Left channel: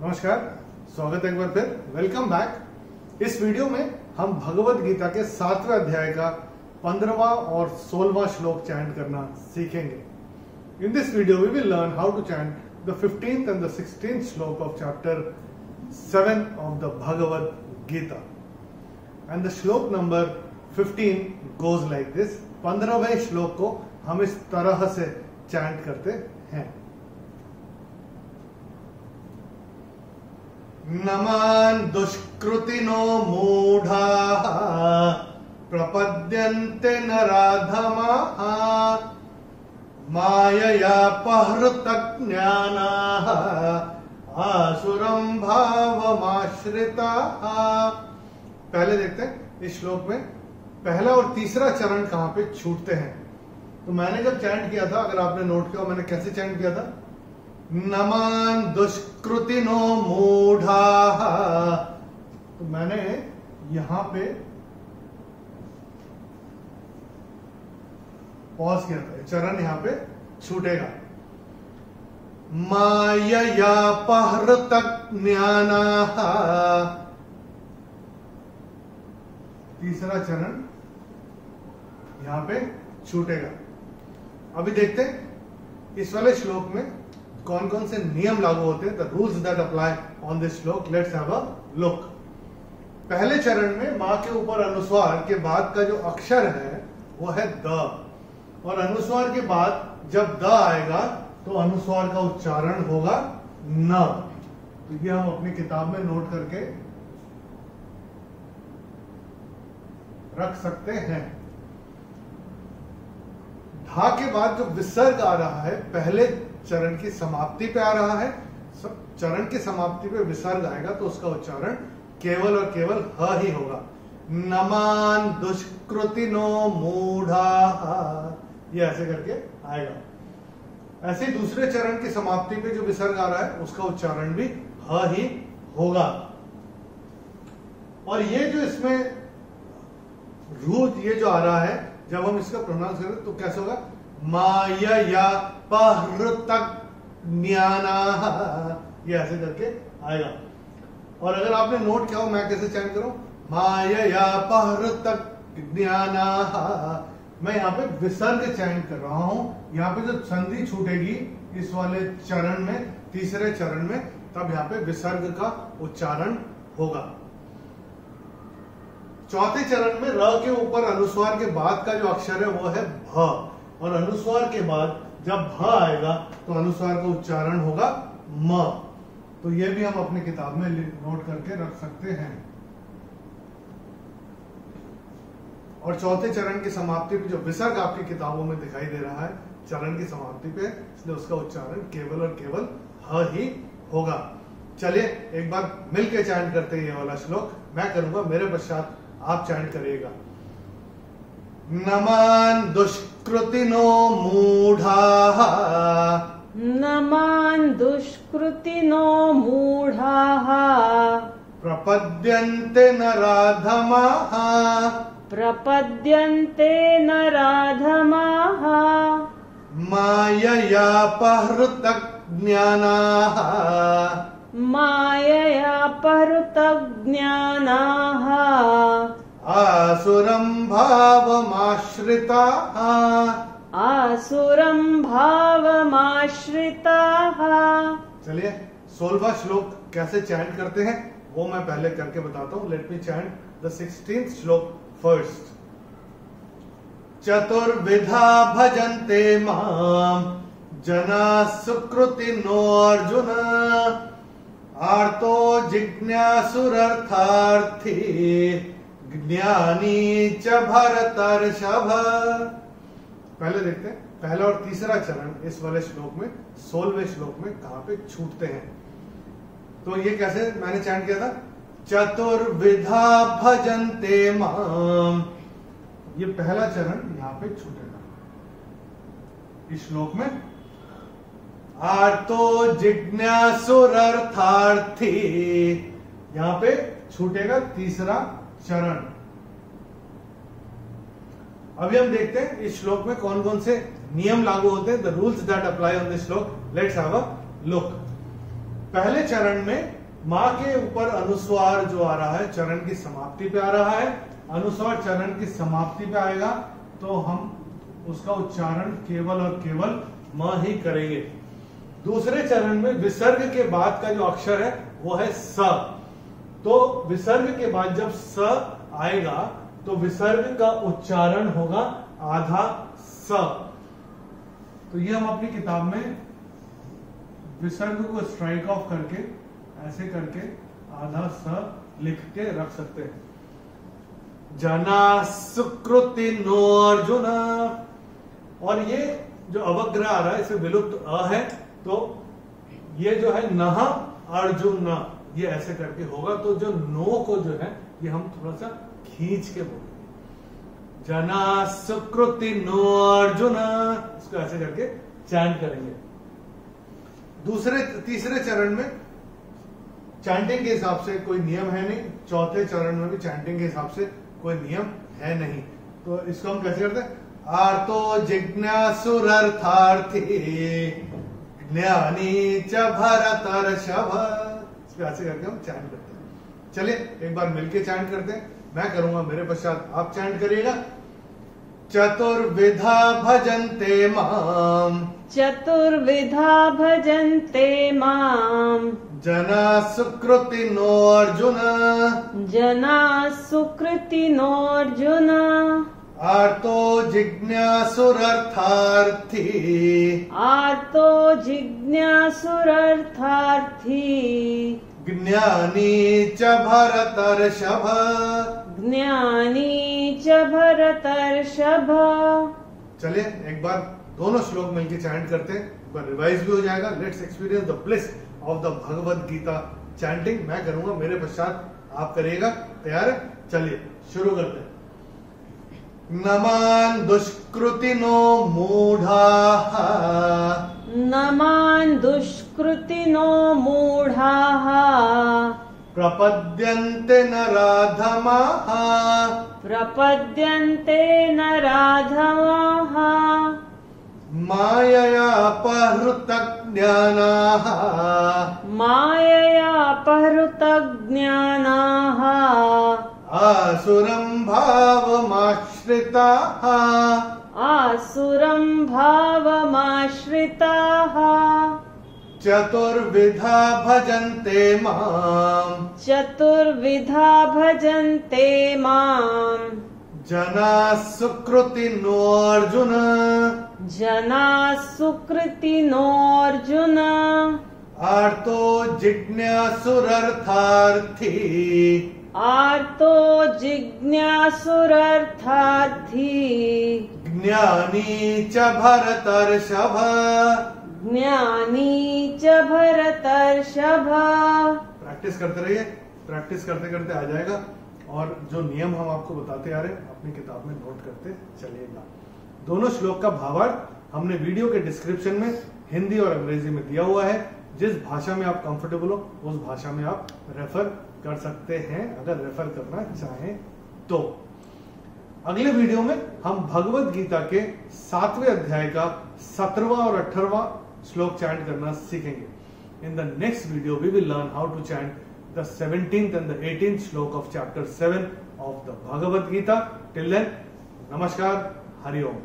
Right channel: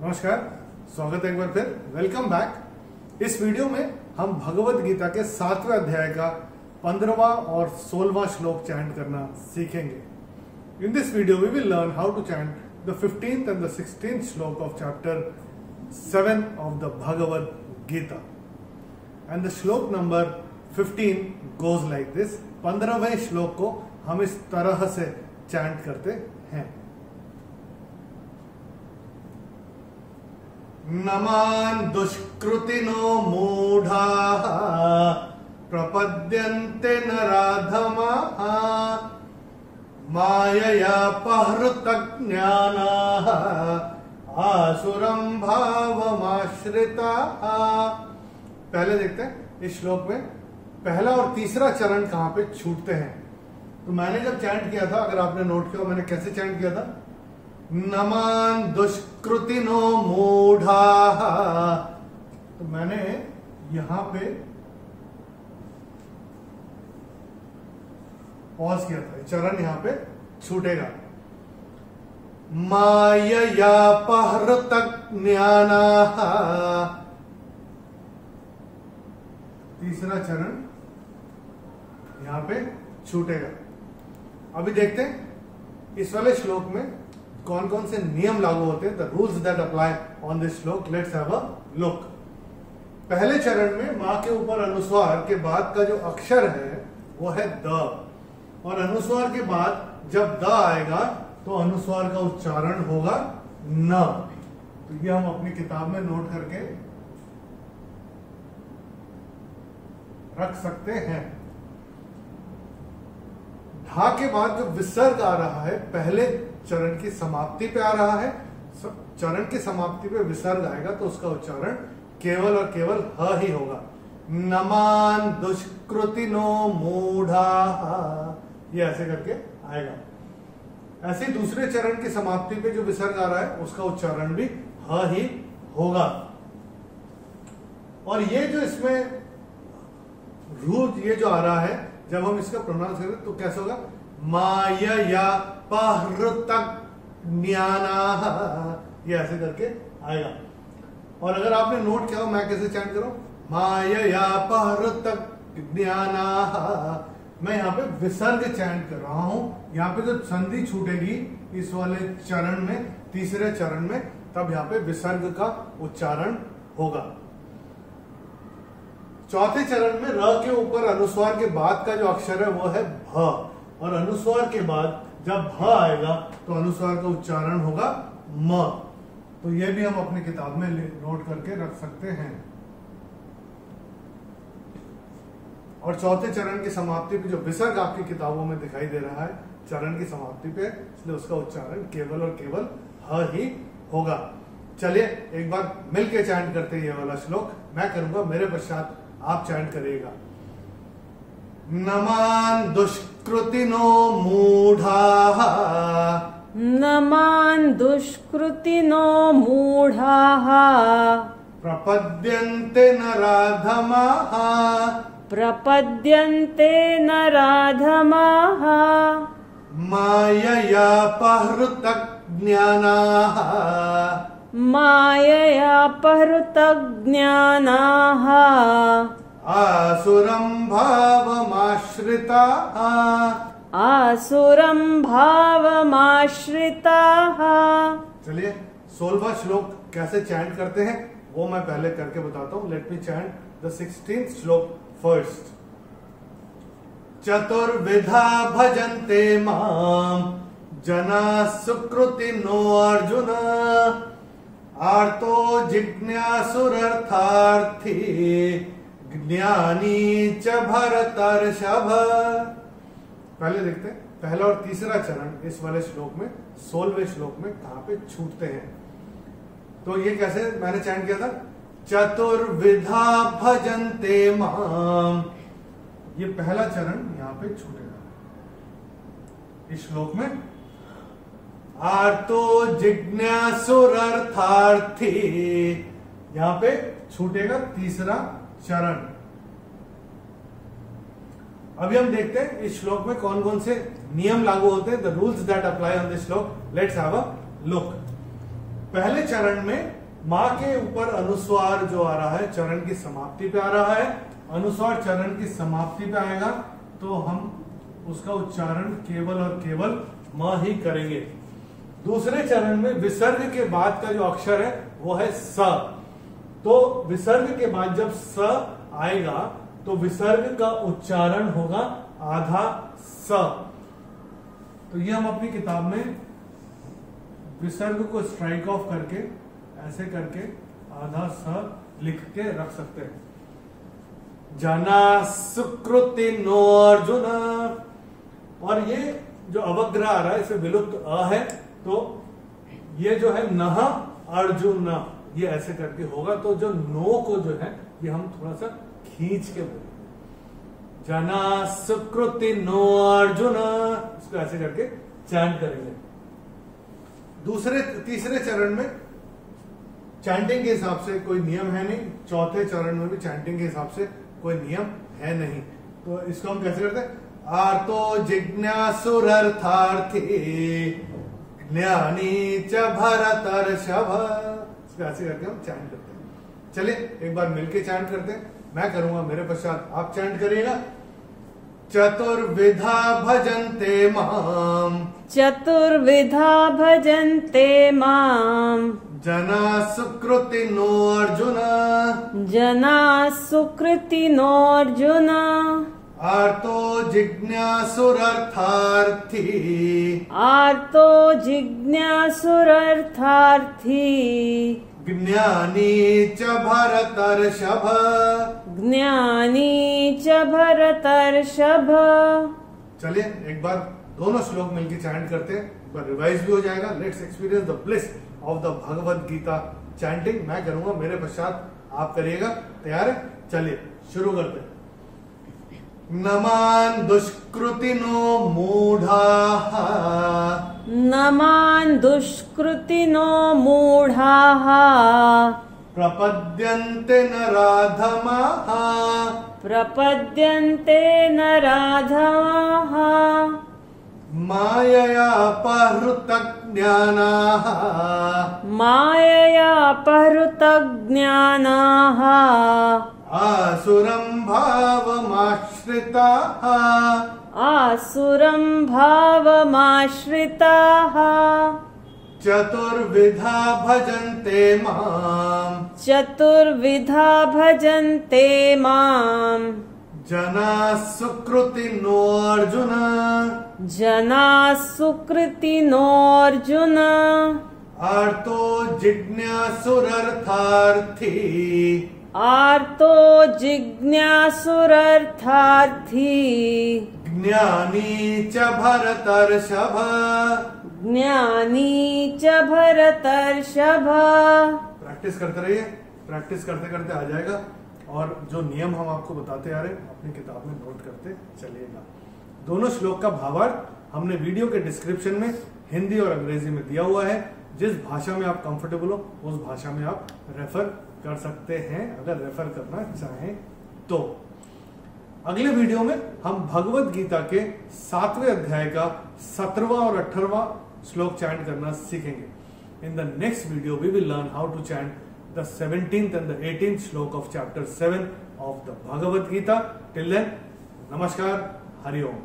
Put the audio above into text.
नमस्कार, स्वागत है एक बार फिर। Welcome back. इस वीडियो में हम भगवत गीता के 7वें अध्याय का 15वां और 16वां श्लोक चैंट करना सीखेंगे। In this video we will learn how to chant the 15th and the 16th shloka of chapter 7 of the Bhagavad Gita. And the shloka number 15 goes like this. 15वें श्लोक को हम इस तरह से चैंट करते हैं। नमान दुष्कृतिनो मूढ़ाः प्रपद्यन्ते नराधमाः माययापहृतज्ञानाः आसुरं भावमाश्रिताः। पहले देखते हैं इस श्लोक में पहला और तीसरा चरण कहां पे छूटते हैं। तो मैंने जब चैंट किया था, अगर आपने नोट किया, मैंने कैसे चैंट किया था? नमान दुष्कृतिनो मूढ़ाः। तो मैंने यहां पे पॉज किया था, चरण यहां पे छूटेगा। माययापहृतज्ञानाः, तीसरा चरण यहां पे छूटेगा। अभी देखते हैं इस वाले श्लोक में कौन कौन से नियम लागू होते हैं। The rules that apply on this shloka. Let's have a look. पहले चरण में मां के ऊपर अनुस्वार के बाद का जो अक्षर है वो है द, और अनुस्वार के बाद जब द आएगा तो अनुस्वार का उच्चारण होगा न। तो ये हम अपनी किताब में नोट करके रख सकते हैं। धा के बाद जो विसर्ग आ रहा है पहले चरण की समाप्ति पे आ रहा है। चरण की समाप्ति पे विसर्ग आएगा तो उसका उच्चारण केवल और केवल ह ही होगा। नमान दुष्कृतिनो मूढ़ाः, ये ऐसे करके आएगा। ऐसे ही दूसरे चरण की समाप्ति पे जो विसर्ग आ रहा है उसका उच्चारण भी ह ही होगा। और ये जो इसमें रूट ये जो आ रहा है, जब हम इसका प्रोनाउंस करें तो कैसे होगा? माययापहृतज्ञानाः, ये ऐसे करके आएगा। और अगर आपने नोट किया हो मैं कैसे चैंट करूं, माययापहृतज्ञानाः, मैं यहाँ पे विसर्ग चैंट कर रहा हूं। यहाँ पे जो संधि छूटेगी इस वाले चरण में, तीसरे चरण में, तब यहाँ पे विसर्ग का उच्चारण होगा। चौथे चरण में र के ऊपर अनुस्वार के बाद का जो अक्षर है वो है भ, और अनुस्वार के बाद जब भ आएगा तो अनुस्वार का उच्चारण होगा म। तो ये भी हम अपनी किताब में नोट करके रख सकते हैं। और चौथे चरण की समाप्ति पे जो विसर्ग आपकी किताबों में दिखाई दे रहा है चरण की समाप्ति पे, इसलिए उसका उच्चारण केवल और केवल ह ही होगा। चलिए एक बार मिलके चैंट करते हैं ये वाला श्लोक। मैं करूंगा, मेरे पश्चात आप चैंट करिएगा। नमान दुष्कृतिनो मूढ़ाः, नमान दुष्कृतिनो मूढ़ाः प्रपद्यन्ते नराधमाः, प्रपद्यन्ते नराधमाः माययापहृतज्ञानाः, माययापहृतज्ञानाः आसुरं भावमाश्रिताः, आसुरं भावमाश्रिताः। चलिए 16वां श्लोक कैसे चैंट करते हैं वो मैं पहले करके बताता हूं। Let me chant the 16th श्लोक फर्स्ट। चतुर्विधा भजन्ते माम जना सुकृतिनो अर्जुन, आर्तो जिज्ञासुरर्थार्थी ज्ञानी च भरतर्षभ। पहले देखते हैं पहला और तीसरा चरण इस वाले श्लोक में, 16वें श्लोक में कहां पे छूटते हैं। तो ये कैसे मैंने चैंट किया था? चतुर्विधा भजन्ते माम, ये पहला चरण यहां पे छूटेगा इस श्लोक में। आर्तो जिज्ञासुरर्थार्थी, यहां पे छूटेगा तीसरा चरण। अभी हम देखते हैं इस श्लोक में कौन कौन से नियम लागू होते हैं। The rules that apply on this shloka. Let's have a look. पहले चरण में माँ के ऊपर अनुस्वार जो आ रहा है चरण की समाप्ति पे आ रहा है, अनुस्वार चरण की समाप्ति पे आएगा तो हम उसका उच्चारण केवल और केवल म ही करेंगे। दूसरे चरण में विसर्ग के बाद का जो अक्षर है वो है स, तो विसर्ग के बाद जब स आएगा तो विसर्ग का उच्चारण होगा आधा स। तो ये हम अपनी किताब में विसर्ग को स्ट्राइक ऑफ करके ऐसे करके आधा स लिख के रख सकते हैं। जना सुकृति नो अर्जुन, और ये जो अवग्रह आ रहा है इसे विलुप्त अ है, तो ये जो है नह अर्जुन ये ऐसे करके होगा, तो जो नो को जो है ये हम थोड़ा सा खींच के बोलेंगे। जना सुकृति नो अर्जुन, इसको ऐसे करके चैंट करेंगे। तीसरे चरण में चैंटिंग के हिसाब से कोई नियम है नहीं, चौथे चरण में भी चैंटिंग के हिसाब से कोई नियम है नहीं, तो इसको हम कैसे करते हैं? आर्तो जिज्ञासुरर्थार्थी ज्ञानी च भरतर्षभ, इसको ऐसे करके हम चैंट करते हैं। चलिए एक बार मिलके चैंट करते हैं, मैं करूंगा मेरे पश्चात आप चैंट करिएगा। चतुर्विधा भजन्ते माम, चतुर्विधा भजन्ते माम, जना सुकृति नो अर्जुन, जना सुकृति नो अर्जुन, आर्तो जिज्ञासुरर्थार्थी, आर्तो जिज्ञासुरर्थार्थी, ज्ञानी च भरतर्षभ, ज्ञानी च भरतर्षभ। चलिए एक बार दोनों श्लोक मिलकर चैंट करते हैं, एक बार रिवाइज भी हो जाएगा। Let's experience the bliss of the Bhagavad Gita chanting. मैं करूंगा, मेरे पश्चात आप करिएगा। तैयार है? चलिए शुरू करते हैं। नमान दुष्कृतिनो मूढ़ाः, नमान दुष्कृतिनो मूढ़ाः, प्रपद्यन्ते नराधमाः, प्रपद्यन्ते नराधमाः, माययापहृतज्ञानाः, माययापहृतज्ञानाः, आसुरं भावमाश्रिताः, आसुरं भावमाश्रिताः, चतुर्विधा भजन्ते माम्, चतुर्विधा भजन्ते माम्, जना सुकृति नो अर्जुन, जना सुकृति नोऽर्जुन, आर्तो जिज्ञासुरर्थार्थी, आर्तो जिज्ञासुरर्थार्थी, ज्ञानी च भरतर्षभ, ज्ञानी च भरतर्षभ। प्रैक्टिस करते रहिए, प्रैक्टिस करते करते आ जाएगा। और जो नियम हम आपको बताते आ रहे हैं अपनी किताब में नोट करते चलिएगा। दोनों श्लोक का भावार्थ हमने वीडियो के डिस्क्रिप्शन में हिंदी और अंग्रेजी में दिया हुआ है। जिस भाषा में आप कंफर्टेबल हो उस भाषा में आप रेफर कर सकते हैं, अगर रेफर करना चाहें तो। अगले वीडियो में हम भगवत गीता के 7वें अध्याय का 17वां और 18वां श्लोक चैंट करना सीखेंगे। In the next video we will learn how to chant the 17th and the 18th श्लोक of chapter 7 of the Bhagavad Gita. Till then, Namaskar, Hari Om.